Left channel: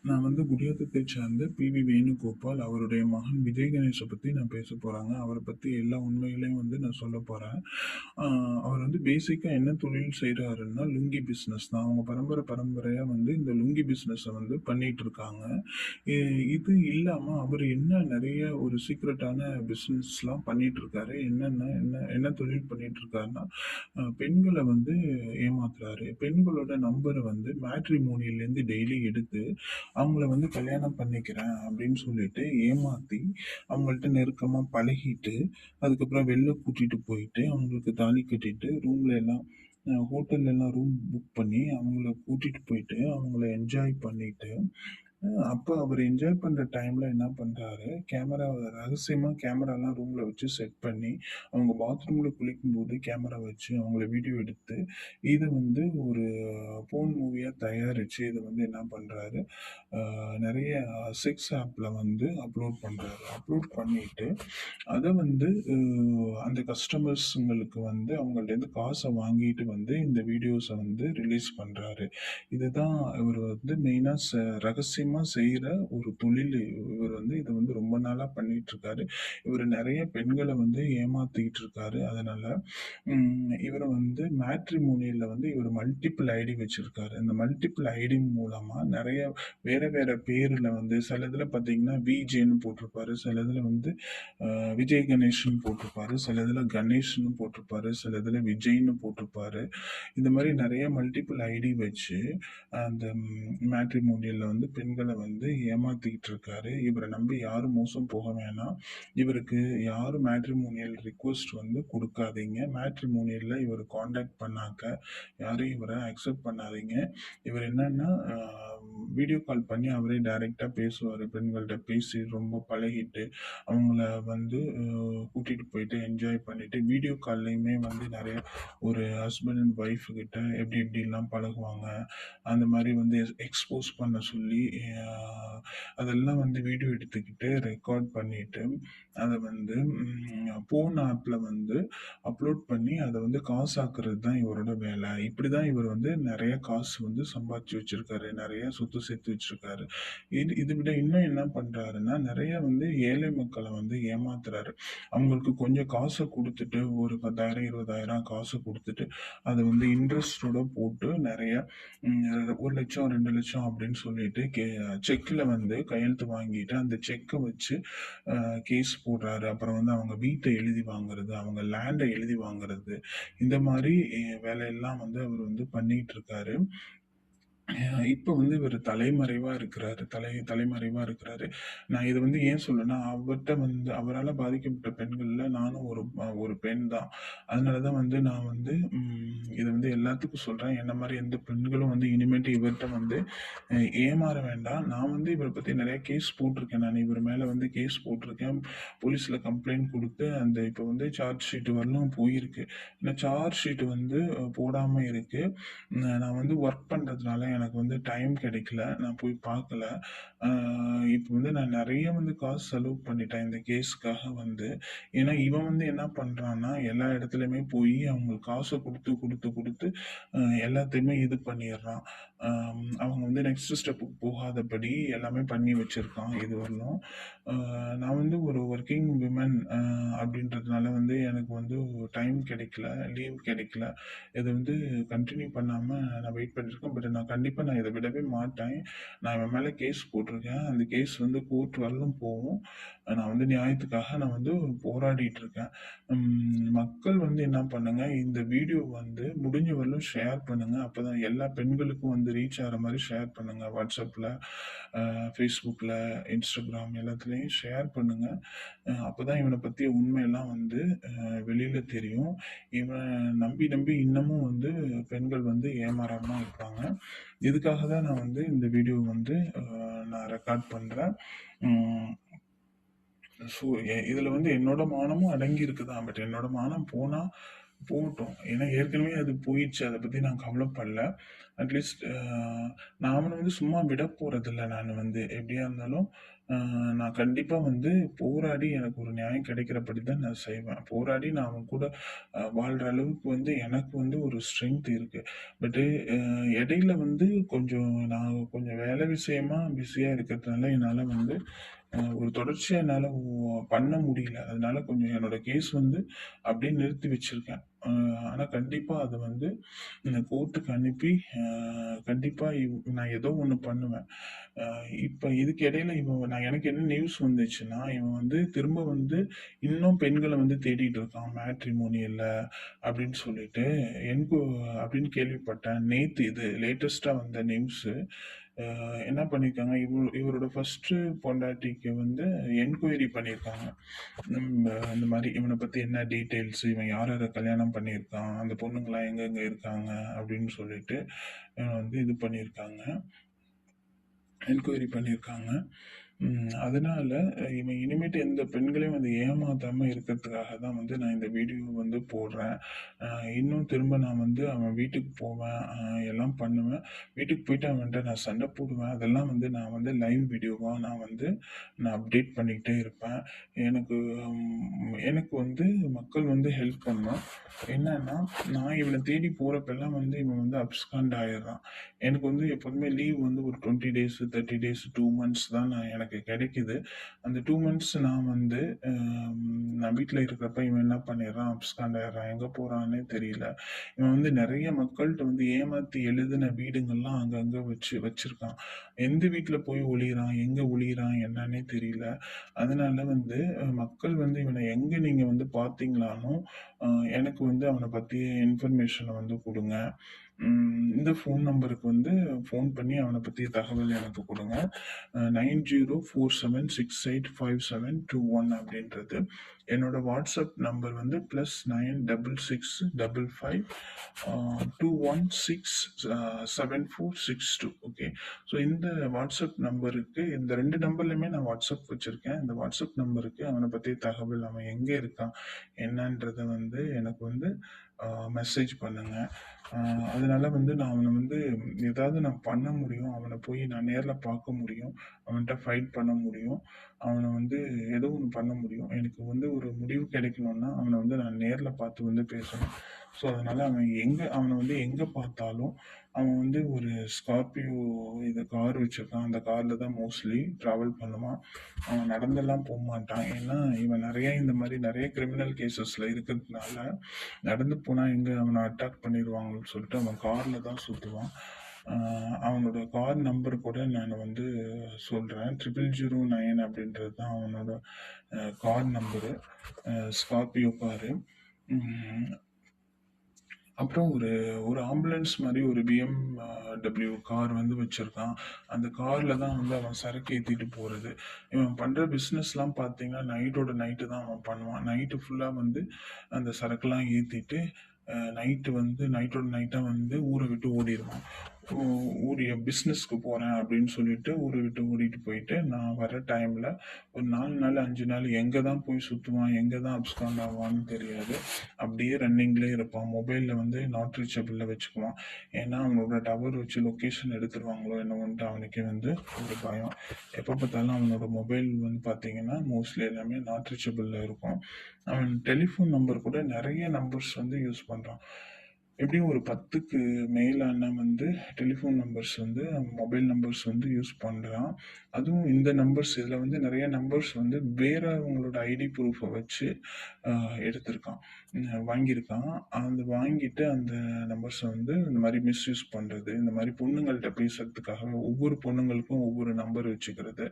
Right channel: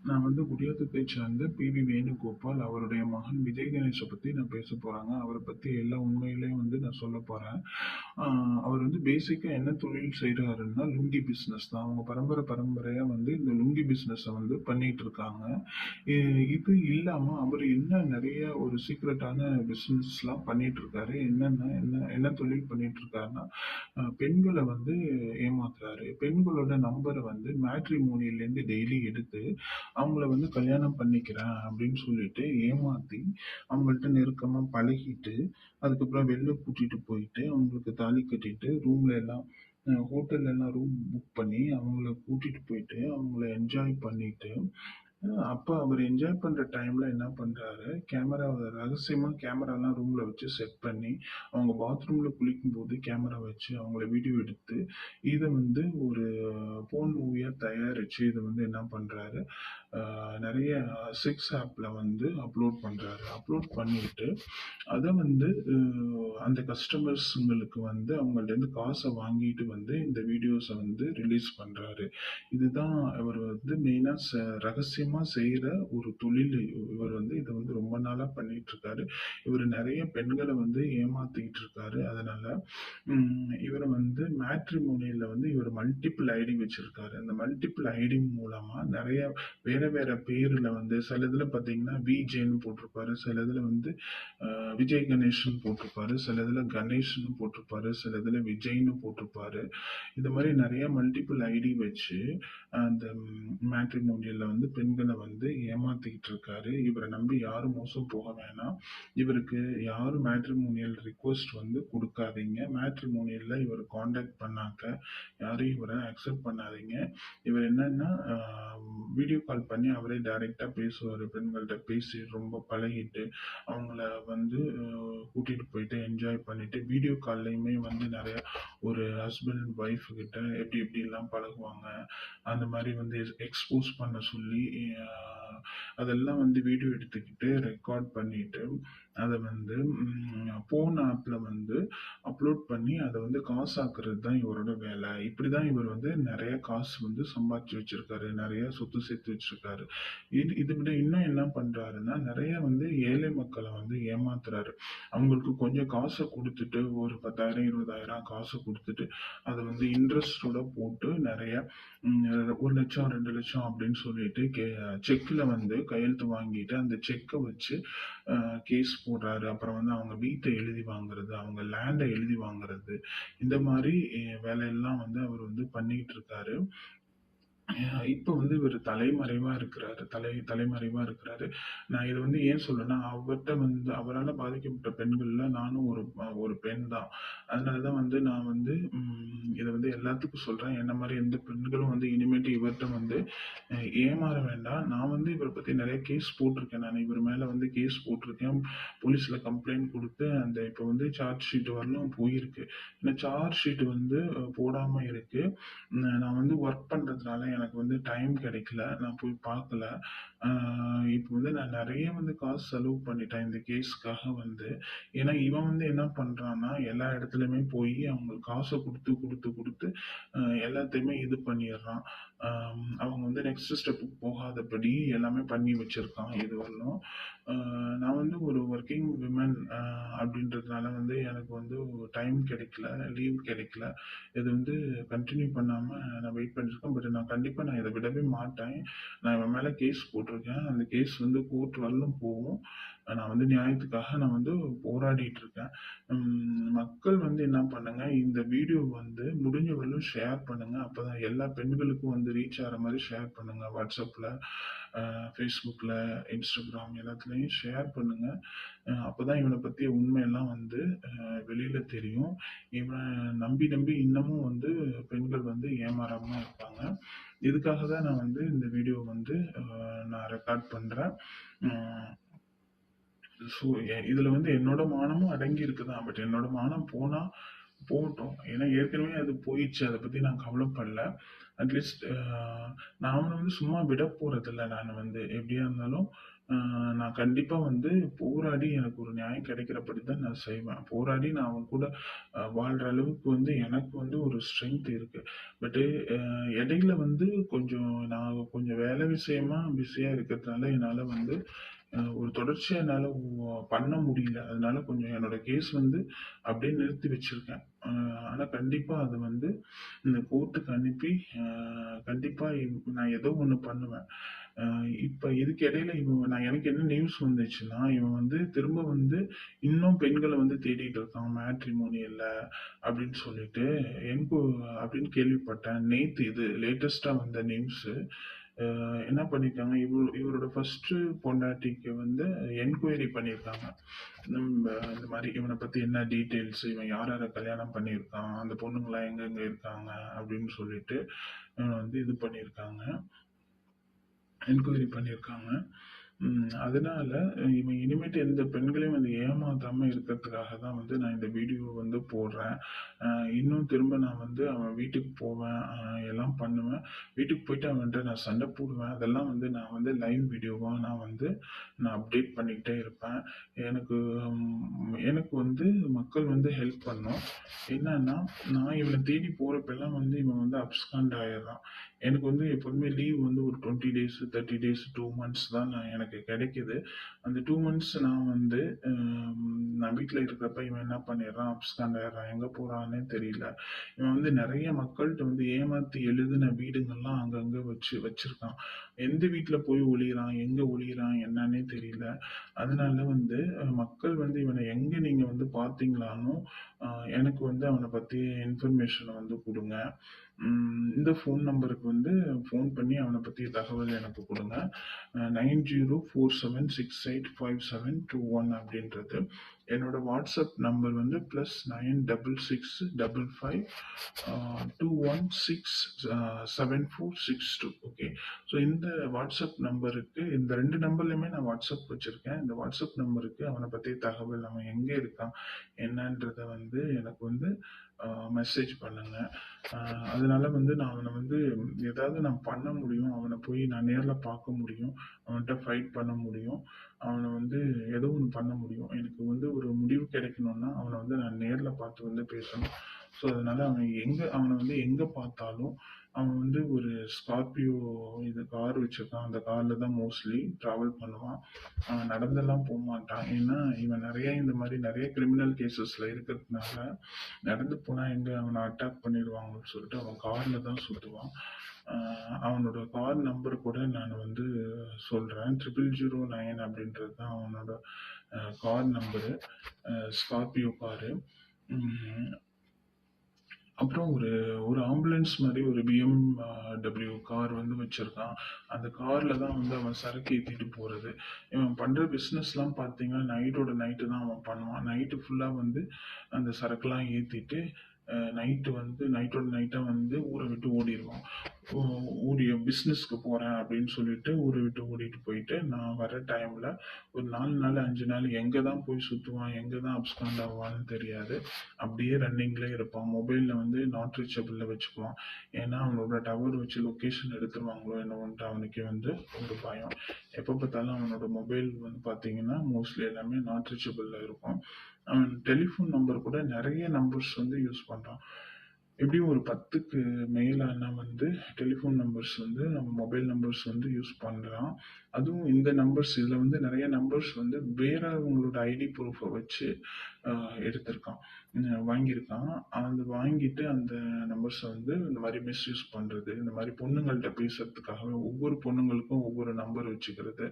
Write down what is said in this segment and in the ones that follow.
நான் வந்து குடியாத்தத்தைச் சேர்ந்த பி.வி. வேணுகோபால். அவருடைய மகன் விஜய் கணேஷ பத்தி நான் பேசப் போறேங்க. அவர பத்தி எல்லா உண்மைகளையும் வந்து நான் சொல்லப் போறேன். ஆ அவர் வந்து பேசிக்கா என்ன தொழில் செய்றாருன்னா, லுங்கி பிசினஸ் தான். அவங்க பரம்பரையா வந்து இந்த லுங்கி பிசினஸ வந்து பண்ணிட்டு இருக்காங்க. இ இது இல்லாம அவரு என்ன நெறைய ஒரு சீக்ரெட்டான பிசினஸ்லாம் பண்ணிட்டு இருக்காரு. என்ன தொழில் பண்ணிட்டு இருக்காருன்னா, பெண்கள வந்து ஏமாத்துறாரு. பெண்களோட நம்பர வந்து மேட்ரிமோனியல்லேருந்து டெய்லி எடுத்து அவங்கள வந்து கல்யாணம் பண்ணிக்கிறேன் அப்படின்னு சொல்லிட்டு ஏமாத்தி, அவங்கள்ட்ட நெருக்கமா பழகிட்டு, அதுக்கப்புறம் வெளில கூட்டிட்டு போயிட்டு, அவங்களுக்கு தாலி கட்டிட்டு, ரூம்ல எல்லாம் ஹோட்டல்ல எல்லாம் ரூம் புக் பண்ணி, அவங்கள கூட்டிட்டு போயிட்டு, அவங்கள என்ஜாய் பண்ணிட்டு, அப்ப அவரு என்ஜாய் பண்ற டைம்ல என்ன பண்றாரு, ரகசியமா கேமராலாம் ரூம்ல வச்சு செட் பண்ணி, அவங்க பாத்ரூம்ல குளிக்கும்போது கேமரா வச்சு அவங்கள வீடியோ எடுத்து, இத வந்து ஒரு போர்ன் மூவியா தயாரிச்சு, இத வந்து என்ன பண்றாரு, நெறைய செக்ஸ் ஆப்ல வந்து அப்லோட் பண்றாரு. அப்லோட் பண்ணிட்டு, அத வந்து அந்த கஸ்டமர்ஸ்ங்களுக்கு வந்து அவங்கள்ட்டேருந்து காச வாங்கிட்டு வந்து இந்த வீடியோஸ வந்து ரிலீஸ் பண்றாரு. இதுதான் இவர் வந்து மெயினா ரகசியமா செய்ற ஒரு தொழில். இவர் வந்து இத வந்து ரொம்ப நாளா பண்ணிட்டுருக்காரு. இவரு நெறைய பெண்கள வந்து ஏமாத்திட்டு இருக்காரு. அதனால இவர வந்து மேட்ரிமோனியல்ல வந்து இவர் மல்டிபிள் ஐடி வச்சிருக்காரு. இந்த மல்டிபிள் ஐடி மூலமா நெறைய வேற வேற பேர்ல வந்து சில இதுல பார்த்தீங்கன்னா, விஜேன்னு போட்டிருப்பாரு. சில இதுல வந்து விஜய் கணேஷ்ன்னு போட்டிருப்பாரு. சில இதுல கணேஷ்ன்னு போட்டிருப்பாரு. சில இதுல விஜய்ன்னு போட்டிருப்பாரு. இந்த மாரி நெறைய மல்டிபிள் ஐடி வச்சு அந்த மேட்ரிமோனியல்ல வந்து பெண்கள வந்து ஏமாத்திக்கிட்டு இருக்காரு. இவர நம்பி யாரும் மோசம் போக வேணாம். இவருக்கு யாரும் மேட்ரிமோனியல் ரிக்வெஸ்ட் வந்து குடுக்காதீங்க. மேட்ரிமோனியல்ல இவர கான்டாக்ட் பண்ணாக்க யாரும் இவர அக்செப்ட் பண்ணாதீங்க. இவர் என்னன்னா, வீடியோ கால் பண்ணி அவரே டைரக்ட்டா பேசுவாரு. பெண்கள்ட்ட பேசி ரொம்ப பழகிட்டு, அவங்கள வந்து கூட்டிட்டு போயிட்டு என்ஜாய் பண்ணிட்டு, வீடியோ கால்லயுமே வந்து நெறைய ஒரு ஹஸ்பண்ட் அண்ட் ஒய்ஃப் கிட்ட எப்படி எப்படிலாம் பழகுவாங்க, அந்த மாரி வந்து எக்ஸ்போஸ் பண்ண சொல்லி, அ அதெல்லாம் வந்து வீடியோ எடுத்துக்கிட்டு, ரெக்கார்ட் பண்ணிட்டு, அத வந்து போன் ஆப்ல வந்து அப்லோட் பண்ணி, அத வந்து காசாக்குறது தான் இவரோட வேல. இப்படிதான் இவர் வந்து நெறைய காசு வந்து சம்பாதிச்சு வச்சிருக்காரு. நெறைய சொத்து சேர்த்து வச்சிருக்காரு. இது விட இன்னும் என்ன பண்றாருன்னா, நெறைய வந்து ஏழை மக்கள வந்து ஏமாத்துறாரு. அவங்களுக்கு கொஞ்சம் காச குடுத்துட்டு, ஒரு 10,000, 20,000 காசு குடுத்துட்டு, அத வந்து இன்ட்ரெஸ்ட்டோட போட்டு நெறைய 1,00,000, 2,00,000 அப்படின்னு சொல்லிட்டு செக்ல வந்து கையெழுத்து வாங்கிட்டு, அந்த செக்க வச்சு கேஸ் போடுறாரு. அப்புறம் வந்து அவங்க வீட்ட எழுதி வாங்குறது, அவங்க லேண்ட எழுதி வாங்குறது, இந்த மாரி வேலையெல்லாம் வந்து அவர் வந்து பண்ணிட்டு இருக்காரு. இப்ப வந்து இவரு தலைமறைவா இருக்கிறாரு. தலைமறைவா இருக்கிறாரு. நான் இது வந்து ஏன் சொல்றேன்னா, அவர்ட்ட வந்து அவரால பாதிக்கப்பட்ட பெண்கள்ல நானும் ஒரு பெண் தான். அதனால தான் வந்து நான் வந்து இத வந்து எல்லாத்துக்கும் சொல்றேன். என்ன மாரி எந்த பெண்களும் வந்து இனிமேட்டு இவர்ட்ட வந்து ஏமாற வேண்டாம். நான் வந்து இவர பத்தி நெறைய கேஸ் போட்டிருக்கேன் நானு. இவர் மேல வந்து கேஸ் போட்டிருக்கேன். போலீஸ்ல கம்ப்ளைண்ட் குடுத்து, அந்த இப்ப வந்து சார்ஜ் ஷீட் வரலும் போயிருக்கு. இந்த சார்ஜ் ஷீட் வந்து போடாம இருக்கு. நான் வந்து ஒர்க் பண்றதுனால எனக்கு வந்து டைம் கிடைக்கல. நான் போய் பார்க்கல. அ இப்ப வந்து நான் நெறைய வந்து காசு செலவு பண்ணிட்டேன் இந்த கேஸ்க்காக வந்து. ஏன்னா, இவன் வந்து என்ன பண்றான்னா, எல்லா இடத்துலயுமே போயி அவங்களுக்கு காசு குடுத்து எல்லாத்தையுமே இது பண்ணிர்றான். அவங்க வந்து நெக்ஸ்ட் ஸ்டெப்புக்கு போகாதபடி எல்லாமே பண்ணி வச்சிருக்கான் இதுவரையிலும். அ நான் வந்து ஒரு வொர்க்கிங் விமன் அப்படின்றதுனால வந்து எனக்கு வந்து டைம் கிடைக்கல, லீவ் கிடைக்கல. இது வந்து கன்டின்யூ பண்ணாம நான் வெயிட் பண்ணிட்டுருக்கேன். பட் நான் கண்டிப்பா இத விடவே மாட்டேன். நான் இவன் மேல கேஸ் போட்டிருக்கேன். அந்த கேஸ் வந்து கோர்ட் வரலும் போகும். நான் வந்து நியாயத்துக்காக நான் வந்து போராடிட்டு இருக்கேன். மக்கள் வந்து என்ன பண்ணுங்க, இந்த வீடியோ வந்து முடிஞ்ச வரலும் ஷேர் பண்ணுங்க. அப்பதான் எல்லா பெண்களுக்கும் வந்து ரீச் ஆகுற மாரி ஷேர் பண்ணுங்க. WhatsAppல, Facebookல, Instagram எல்லாத்துலயும் ஷேர் பண்ணுங்க. அப்பதான் இவன பத்திய உண்மையெல்லாம் வந்து வெளியில தெரியும். இவன் நம்பி நம்பி இன்னமும் வந்து பெண்கள் வந்து ஏமாறாம இருப்பாங்க. இதுக்காக தான் நான் வந்து இந்த வீடியோ வந்து நான் ரெக்கார்ட் பண்றேன். ம். ஸோ இதுல வந்து என்னோட மானமும் அடங்கி இருக்குதான். பட் என்னோட மானம் போனா போகட்டும். ஏன்னா ஏற்கனவே அது போயிடுச்சு. அத பத்தி நான் கவலைப்படல. அட்லீஸ்ட் நான் அவன வந்து சும்மா விட போறதில்ல. நானு வந்து எப்படியா இருந்தாலும் அ நான் கண்டிப்பா வந்து போராடி எனக்கு ஒரு நியாயம் கிடைக்கிறபடி தான் நான் செய்வேன். போராடி நான் அவன் கூட வாழ்ற அளவுக்கு வந்து எனக்கு வந்து ஒரு ஸ்ட்ரென்த் இருக்கு. பட்டு அ இடையில வந்து நான் கொஞ்சம் வேலை விஷயமா பிஸியா இருக்கிறதுனால என்னால வந்து ஒரு தொடர்ச்சியா என்னால பண்ண முடியல. அதனால கொஞ்சம் என்னோட கேஸ் வந்து அப்படியே நிறுத்தி வச்சிருக்கேன். ஆனா கண்டிப்பா அத வந்து இந்த கோர்ட்டுக்கு அனுப்பி, கண்டிப்பா நான் ஏதோ ஒண்ணு பண்ணுவேன். அ இப்ப இதுக்கு இடையில எனக்கு என்ன நியூஸ் வந்துச்சுன்னா, இவன் வந்து திரும்ப வந்து இன்னும் பெண்கள வந்து தேடிட்டு இருக்கான் மேட்ரிமோனியல்ல அப்படின்னு சொல்லிட்டு, என்கோ அப்படின்னு கேள்விப்பட்டேன். நேத்து இது லேட்டஸ்ட்டா வந்த நியூஸு. என்ன பண்ணியிருக்காங்க, இவரோட ஃபர்ஸ்ட்டு பொண்டாட்டிக்கு வந்து என்கொயரி பண்ணியிருக்காங்க. இந்த மாரி இவன பத்தி என்ன டீட்டெயில்ஸ், இவன் யார் யார கல்யாணம் பண்ணியிருக்கான், அந்த பொண்ணுங்கலாம் எங்கெங்க இருக்காங்க அப்படின்னு சொல்லிட்டு, இவன வந்து இது பண்ணியிருக்காங்க. என்கொயரி பண்ணியிருக்காங்க. அதனால இவன் இனிமேட்டு எந்த பெண்களையும் வந்து ஏமாத்தாம இருக்கிறதுக்காக தான் வந்து நான் இந்த வீடியோ வந்து போடுறேன். அ இன்னும் திரும்ப நான் வந்து அவன் வீட்டுக்கு போவேன். எல்லாம் பண்ணுவேன். வீட்டுக்கு போயிட்டு அவன்ட்ட நான் சண்டை போடுவேன். அதெல்லாம் வந்து நான் வந்து லைவ் வீடியோவா நான் அப்டேட் பண்ணிக்கிட்டே இருப்பேன். எனக்கு எனக்கு வந்து மக்கள் வந்து ஹெல்ப் பண்ணணும். என்னன்னா, நான் இவன தேடி போறப்பலாம் வந்து இவன் வந்து அப்ஸ்காண்ட் ஆயிடுறான். எனக்கு வந்து எப்போதுமே லீவ் வந்து ஒரு 20 டேஸ், 30 டேஸ், 2 மந்த்ஸ் தான் எனக்கு கிடைக்குது. அந்த 2 மந்த்ஸ் நான் வீட்ல இருக்கிறப்ப இவன் என்ன பண்ணிடுறான், அப்ஸ்காண்ட் ஆயிடுறான். எங்க போறான்னே தெரியல. இவன் வந்து நெறைய மக்கள்ட்ட வந்து ஏமாத்தி எழுதின வீடுங்கள்லாம் அங்கங்க வச்சிருக்கான். எந்த வீட்ல போய் ஒளியிறான், எங்க ஒளியிறான் என்னன்னே தெரியல. அதனால வந்து மக்கள் வந்து இவன எங்க நீங்க வந்து பார்த்தீங்கனாலும், அ எனக்கு வந்து அவன பத்தி இன்ஃபர்மேஷன வந்து குடுங்க. இந்த ஃபோன் நம்பருக்கு வந்து ஃபோன் பண்ணி அவன பத்தி தகவல் எனக்கு குடுங்க. 9047685721 அப்படின்றது. என்னோட வாட்ஸ்அப் நம்பர் வந்து +966555 216 ஓகே. ஸோ இந்த வாட்ஸ்அப் நம்பருக்கு இந்த 2 நம்பர்லயுமே நான் வாட்ஸ்அப் வச்சிருக்கேன். இந்த வாட்ஸ்அப் நம்பருக்கு அவன பத்தி தகவல், அவன் எங்க இருக்கான், என்னன்றத வந்து எனக்கு வந்து மெசேஜ் பண்ணுங்க. அதனால வந்து நான் அவன வந்து ஏதாவது நான் பண்ண முடியும். அவன போய் நான் நேர்ல பார்க்க முடியும். அவன்ட்ட ஃபைட் பண்ண முடியும். அவன வந்து ஏதோ ஒண்ணு பண்ண முடியும். எனக்கு வந்து ஒரு முடிவு கிடைக்கணும்னா, அவன வந்து நான் நேர்ல பார்த்து வந்து பேசணும். ஸோ அதனால அவன வந்து எங்க பார்த்தாலும், அவன் வந்து ஒரு ஸ்கார்பியோ கார் வச்சிருக்கான். அந்த கார்ல தான் மோஸ்ட்லி டிராவல் பண்ணுவான். அவன் நடந்தெல்லாம் போமாட்டான். ஏன்னா, இவன் இந்த மாரி நெறைய கிரிமினல் கேஸஸ்ல இருக்கிறதுனால, நடந்து போனா எங்க அவன அட்டாக் பண்ணிருவாங்கன்னு சொல்லிட்டு அவன் கார்ல தான் சுத்துவான். அவனோட கார் நம்பர் கூட நான் வந்து சொல்றேன். 0009 அப்படின்றது தான் அவனோட கார் நம்பரு. Scorpio car. ம். அப்புறம் ஒரு ஒரு ஆம்புலன்ஸ் மாரி ஒரு BMW கார் வந்து வச்சிருக்கான். அந்த கார்ல தான் வந்து அவன் சரக்கு ஏத்திட்டு போறது. இவன் பண்ற பிசினஸ்லாம் பார்த்தீங்கன்னா, நைட்டு தான் அவன் பண்ணுவான். நைட்டு ஃபுல்லா வந்து அந்த சரக்குலாம் ஏத்திட்டு, நைட்டோட நைட்டா வந்து ஊர விட்டு ஓடிருவான். ஓ பிசினஸ்க்கு போறேன் அப்படின்னு சொல்லிட்டு ஊர விட்டு ஓடிட்டு போயிட்டு, நான் வர டைம்ல ஒரு 4 நாள், 5 நாள் எங்க தான் போய் சுத்துவான், எங்க தான் அப்ஸ்காண்ட் ஆவான்னு தெரியாது. அப்படியே ரன்னிங்லயே இருப்பான். மொபைல்ல வந்து நாட் ரீச்சபிள்ல வச்சுக்குவான். ஏன்னா, அவனோட டவர் வச்சு லொகேஷன் எடுத்துருவாங்களோ என்னவோன்ட்டு அவனுக்கே வந்து ஒரு பயம். எப்ப பார்த்தாலும் அவனோட மொபைல் வந்து பார்த்தீங்கன்னா, மோஸ்ட்லி எல்லாமே நாட் ரீச்சபிள்ல இருக்கும். அவன் டெலிஃபோன் நம்பர் கூட நெறைய நம்பர்ஸ் வந்து யூஸ் பண்றான். எப்படியும் ஒரு 10க்கு மேலான வந்து டெலிஃபோன் நம்பர்ஸ் வந்து அவன் மொபைல் நம்பர்ஸ் வந்து யூஸ் பண்றான். அதுவும் இந்த நம்பர்ஸ் இதுல வந்து நெறைய நம்பர்ஸ் வந்து வேறவங்களோட ஐடி ப்ரூஃப வச்சு அ எடுத்திருக்கான். வாங்கியிருக்கான். வாங்கிட்டு அந்த நம்பர்ஸ வந்து இந்த மாரி மிஸ்யூஸ் பண்றது, இந்த மாரி பொண்ணுங்கள்ட்ட பேசுறதுக்காக ஒவ்வொரு பொண்ணுங்களுக்கும் ஒவ்வொரு நம்பர் வச்சுக்கிறது.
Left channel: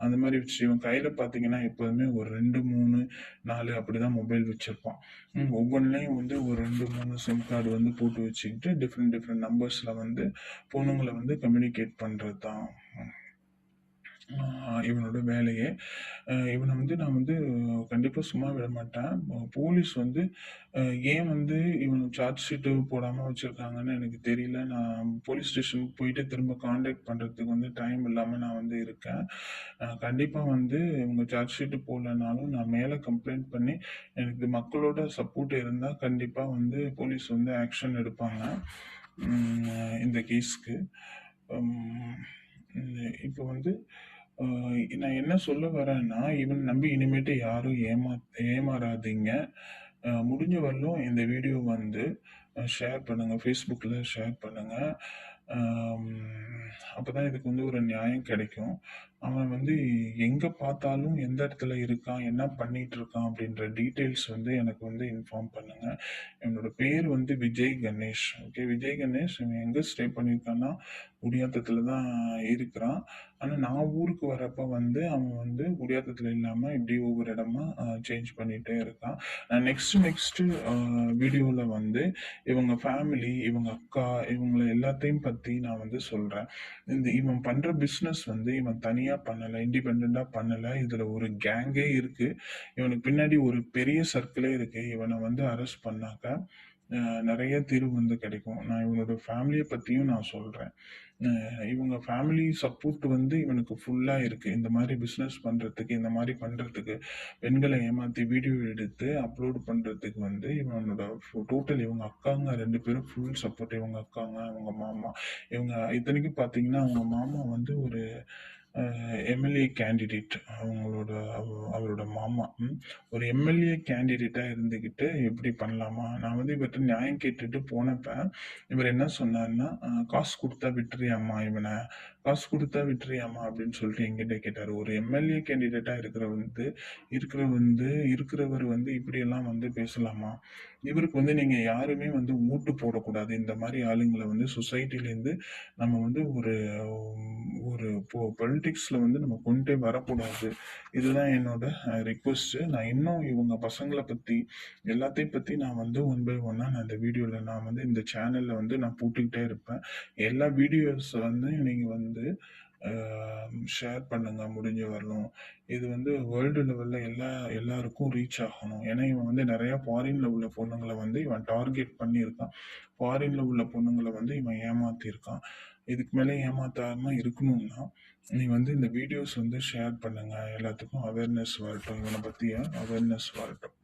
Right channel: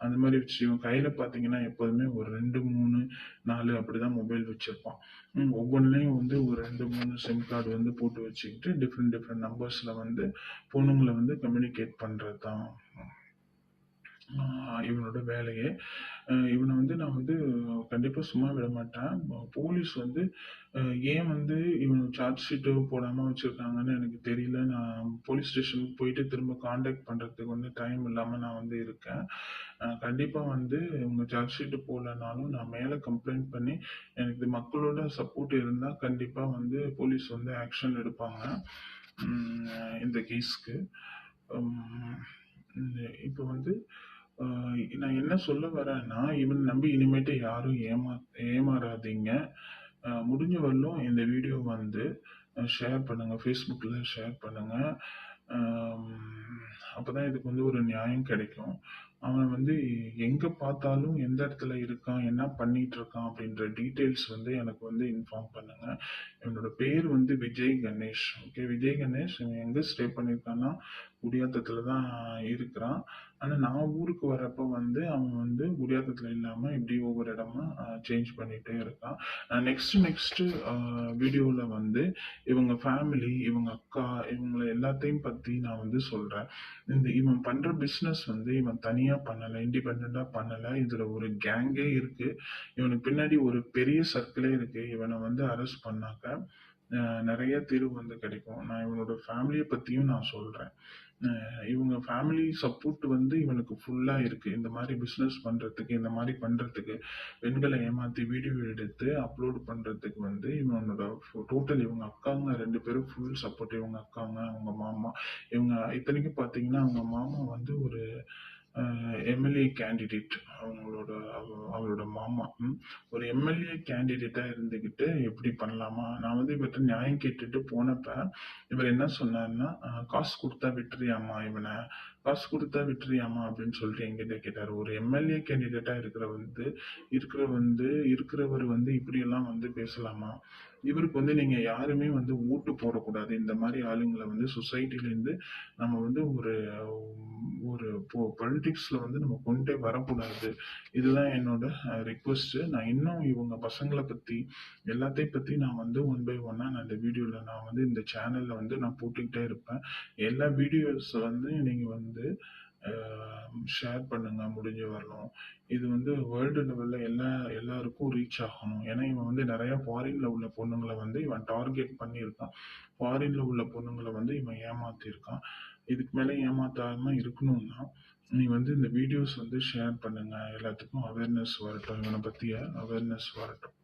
அந்த மாரி வச்சு இவன் கையில பார்த்தீங்கன்னா, எப்போதுமே ஒரு 2, 3, 4 அப்படிதான் மொபைல் வச்சிருப்பான். ஒவ்வொன்லயும் வந்து ஒரு 2, 3 சிம் கார்டு வந்து போட்டு வச்சுக்கிட்டு, டிஃபரெண்ட் டிஃபரெண்ட் நம்பர்ஸ்ல வந்து பொண்ணுங்கள வந்து கம்யூனிகேட் பண்றது தான் இவனோட வேலையே. இவன வந்து நான் வந்து கண்டிப்பா சும்மா விட மாட்டேன். போலீஸ் வந்து அ ஏன் வந்து இவன சார்ஜ் ஷீட்டு போடாம வச்சிருக்காங்கன்னு எனக்கு தெரியல. நான் போலீஸ் ஸ்டேஷனுக்கு போயிட்டு திரும்ப கான்டாக்ட் பண்றதுக்கு வந்து டைம் இல்லாம நான் வந்து இருக்கேன். கண்டிப்பா வந்து இவங்க சார்ஜ் ஷீட் போடலனாலும் நான் மேல கம்ப்ளைண்ட் பண்ணி எனக்கு மக்களோட சப்போர்ட் இருந்தா கண்டிப்பா வந்து போலீஸ் வந்து ஆக்ஷன் எடுப்பாங்க. இந்த கேஸ்க்கு. ம் இப்போ வந்து அ நான் என்ன சொல்ல வரேன்னா, இவன நம்பி இனிமேட்டு யாரும் ஏமாறாதீங்க. முடிஞ்ச வரலும் இந்த வீடியோ வந்து ஷேர் பண்ணுங்க. Facebookல ஷேர் பண்ணுங்க. அம் அப்பதான் இதுக்கு வந்து ஒரு நியாயம் கிடைக்கும். அவன் வந்து எங்க பார்த்தாலும் எந்த இடத்துல இருக்கான், என்ன பண்ணிட்டு இருக்கான் அப்படின்ற டீட்டெயில்ஸ் வந்து எனக்கு வந்து இன்ஃபார்ம் பண்ணுங்க. இவனோட பேர் வந்து விஜய் கணேஷ். ஓகே. விஜய் கணேஷ் இவன் எங்க ஸ்டே பண்ணியிருக்கான்னா, குடியாத்தத்துல தான் இருக்கிறான். ஆனா நான் ஊருக்கு வரப்ப வந்து அவன் வந்து குடியாத்தத்துல இல்லாம இப்படி ஒவ்வொரு இடமா சேஞ்ச் பண்ணிட்டே இருக்கான். நெக்ஸ்ட் வீடியோல வந்து இவங்க ஃபேமிலி, இவங்க அக்கா, இவங்கள எல்லாத்தையும் பத்தி நான் வந்து சொல்றேன். இவன் பண்ற பிசினஸ் வந்து இவன் தனியா பண்ணல. இண்டிபெண்டன்ட்டா பண்ணல. இதுல ஒரு கேங்கே இருக்கு. இவனுக்கு பின்னாடி ஒரு பெரிய சர்க்கிளே இருக்கு. இவன வந்து அரெஸ்ட் பண்ணாக்க நெறைய தீர்வு வந்து கிடைக்கும். நான் இவனோட ஃபேமிலிய பத்தியும் நான் சொல்றேன். இவங்க ஃபேமிலி சப்போர்ட் வந்து இவனுக்கு ஃபுல்லா இருக்கு. இந்த மாரி பிசினஸ் பண்றதுக்கு, இந்த மாரி பண்றதுக்கு, பெண்கள ஏமாத்தி வீடியோ எடுத்து அப்லோட் பண்றதுக்கு வந்து இவனோட டோட்டல் இவங்க அக்காங்க 2 பேரும் ஃபுல் சப்போர்ட். இவங்க அக்காங்க, அவங்க மாமா. இவங்க இத்தனைக்கும் பார்த்தீங்கன்னா, அவங்க மாமா வந்து ஒரு எம்எல்ஏ கேண்டிடேட். அவரோட மாமா. ஒரு எம்எல்ஏ கேண்டிடேட்டா இருந்துகிட்டு இப்படி பண்ணலாமா? நான் வந்து இவர்ட்ட நியாயம் கேட்டுட்டு போனப்ப, இவர் என்ன சொன்னாருன்னா, "காசு குடுத்தா விட்டுறியாம்மா இவன? காசு குடுத்தா விட்டுறியாம்மா?" அப்படின்னு சொல்லிட்டு என்கிட்ட கேட்டாரு. ஒரு எம்எல்ஏ கேண்டிடேட்டா இருக்கிறவர் வந்து இப்படியெல்லாம் வந்து பேசலாமா? இவருக்கு வந்து நீங்க யாருமே வந்து ஓட்டு போடக்கூடாது. இந்த மாரி ஆளுங்கள வந்து சொசைட்டிலேருந்து நம்ம வந்து ஒரு ஒரு பொலிட்டிக்ஸ்ல வந்து நம்ம கொண்டே வரக்கூடாது. இதுதான் என்னோட ரிக்வெஸ்ட். நான் இன்னும் இவங்க பசங்கள பத்தி, எல்லாத்தையும் பத்தி நான் வந்து ஒன் பை ஒன்னா நான் இந்த வீடியோல நான் வந்து இந்த சேனல்ல வந்து நான் போட்டுக்கிட்டே இருப்பேன். எல்லா வீடியோஸ் வந்து நீங்க வந்து ஷேர் பண்ணுங்க முடிஞ்ச வரலும். இது வந்து வேர்ல்டு லெவல்ல எல்லாருக்கும் ரீச் ஆகணும். ஏன்னா இவன் வந்து நெறைய ஃபாரின்ல உள்ள பொண்ணுங்கள வந்து இவன் டார்கெட் பண்ணியிருக்கான். ஃபாரின்ல உள்ள பொண்ணுங்கள வந்து இவன் ஏமாத்தியிருக்கான். இதுக்கு மேல ஏமாத்தாம இருக்கணும்னா, நீ வந்து இந்த வீடியோஸ் வந்து ஷேர் பண்ணுங்க. எல்லாத்துக்கும் அவேர்னஸ் வரட்டும். இவன பத்திய அவேர்னஸ் வரட்டும்.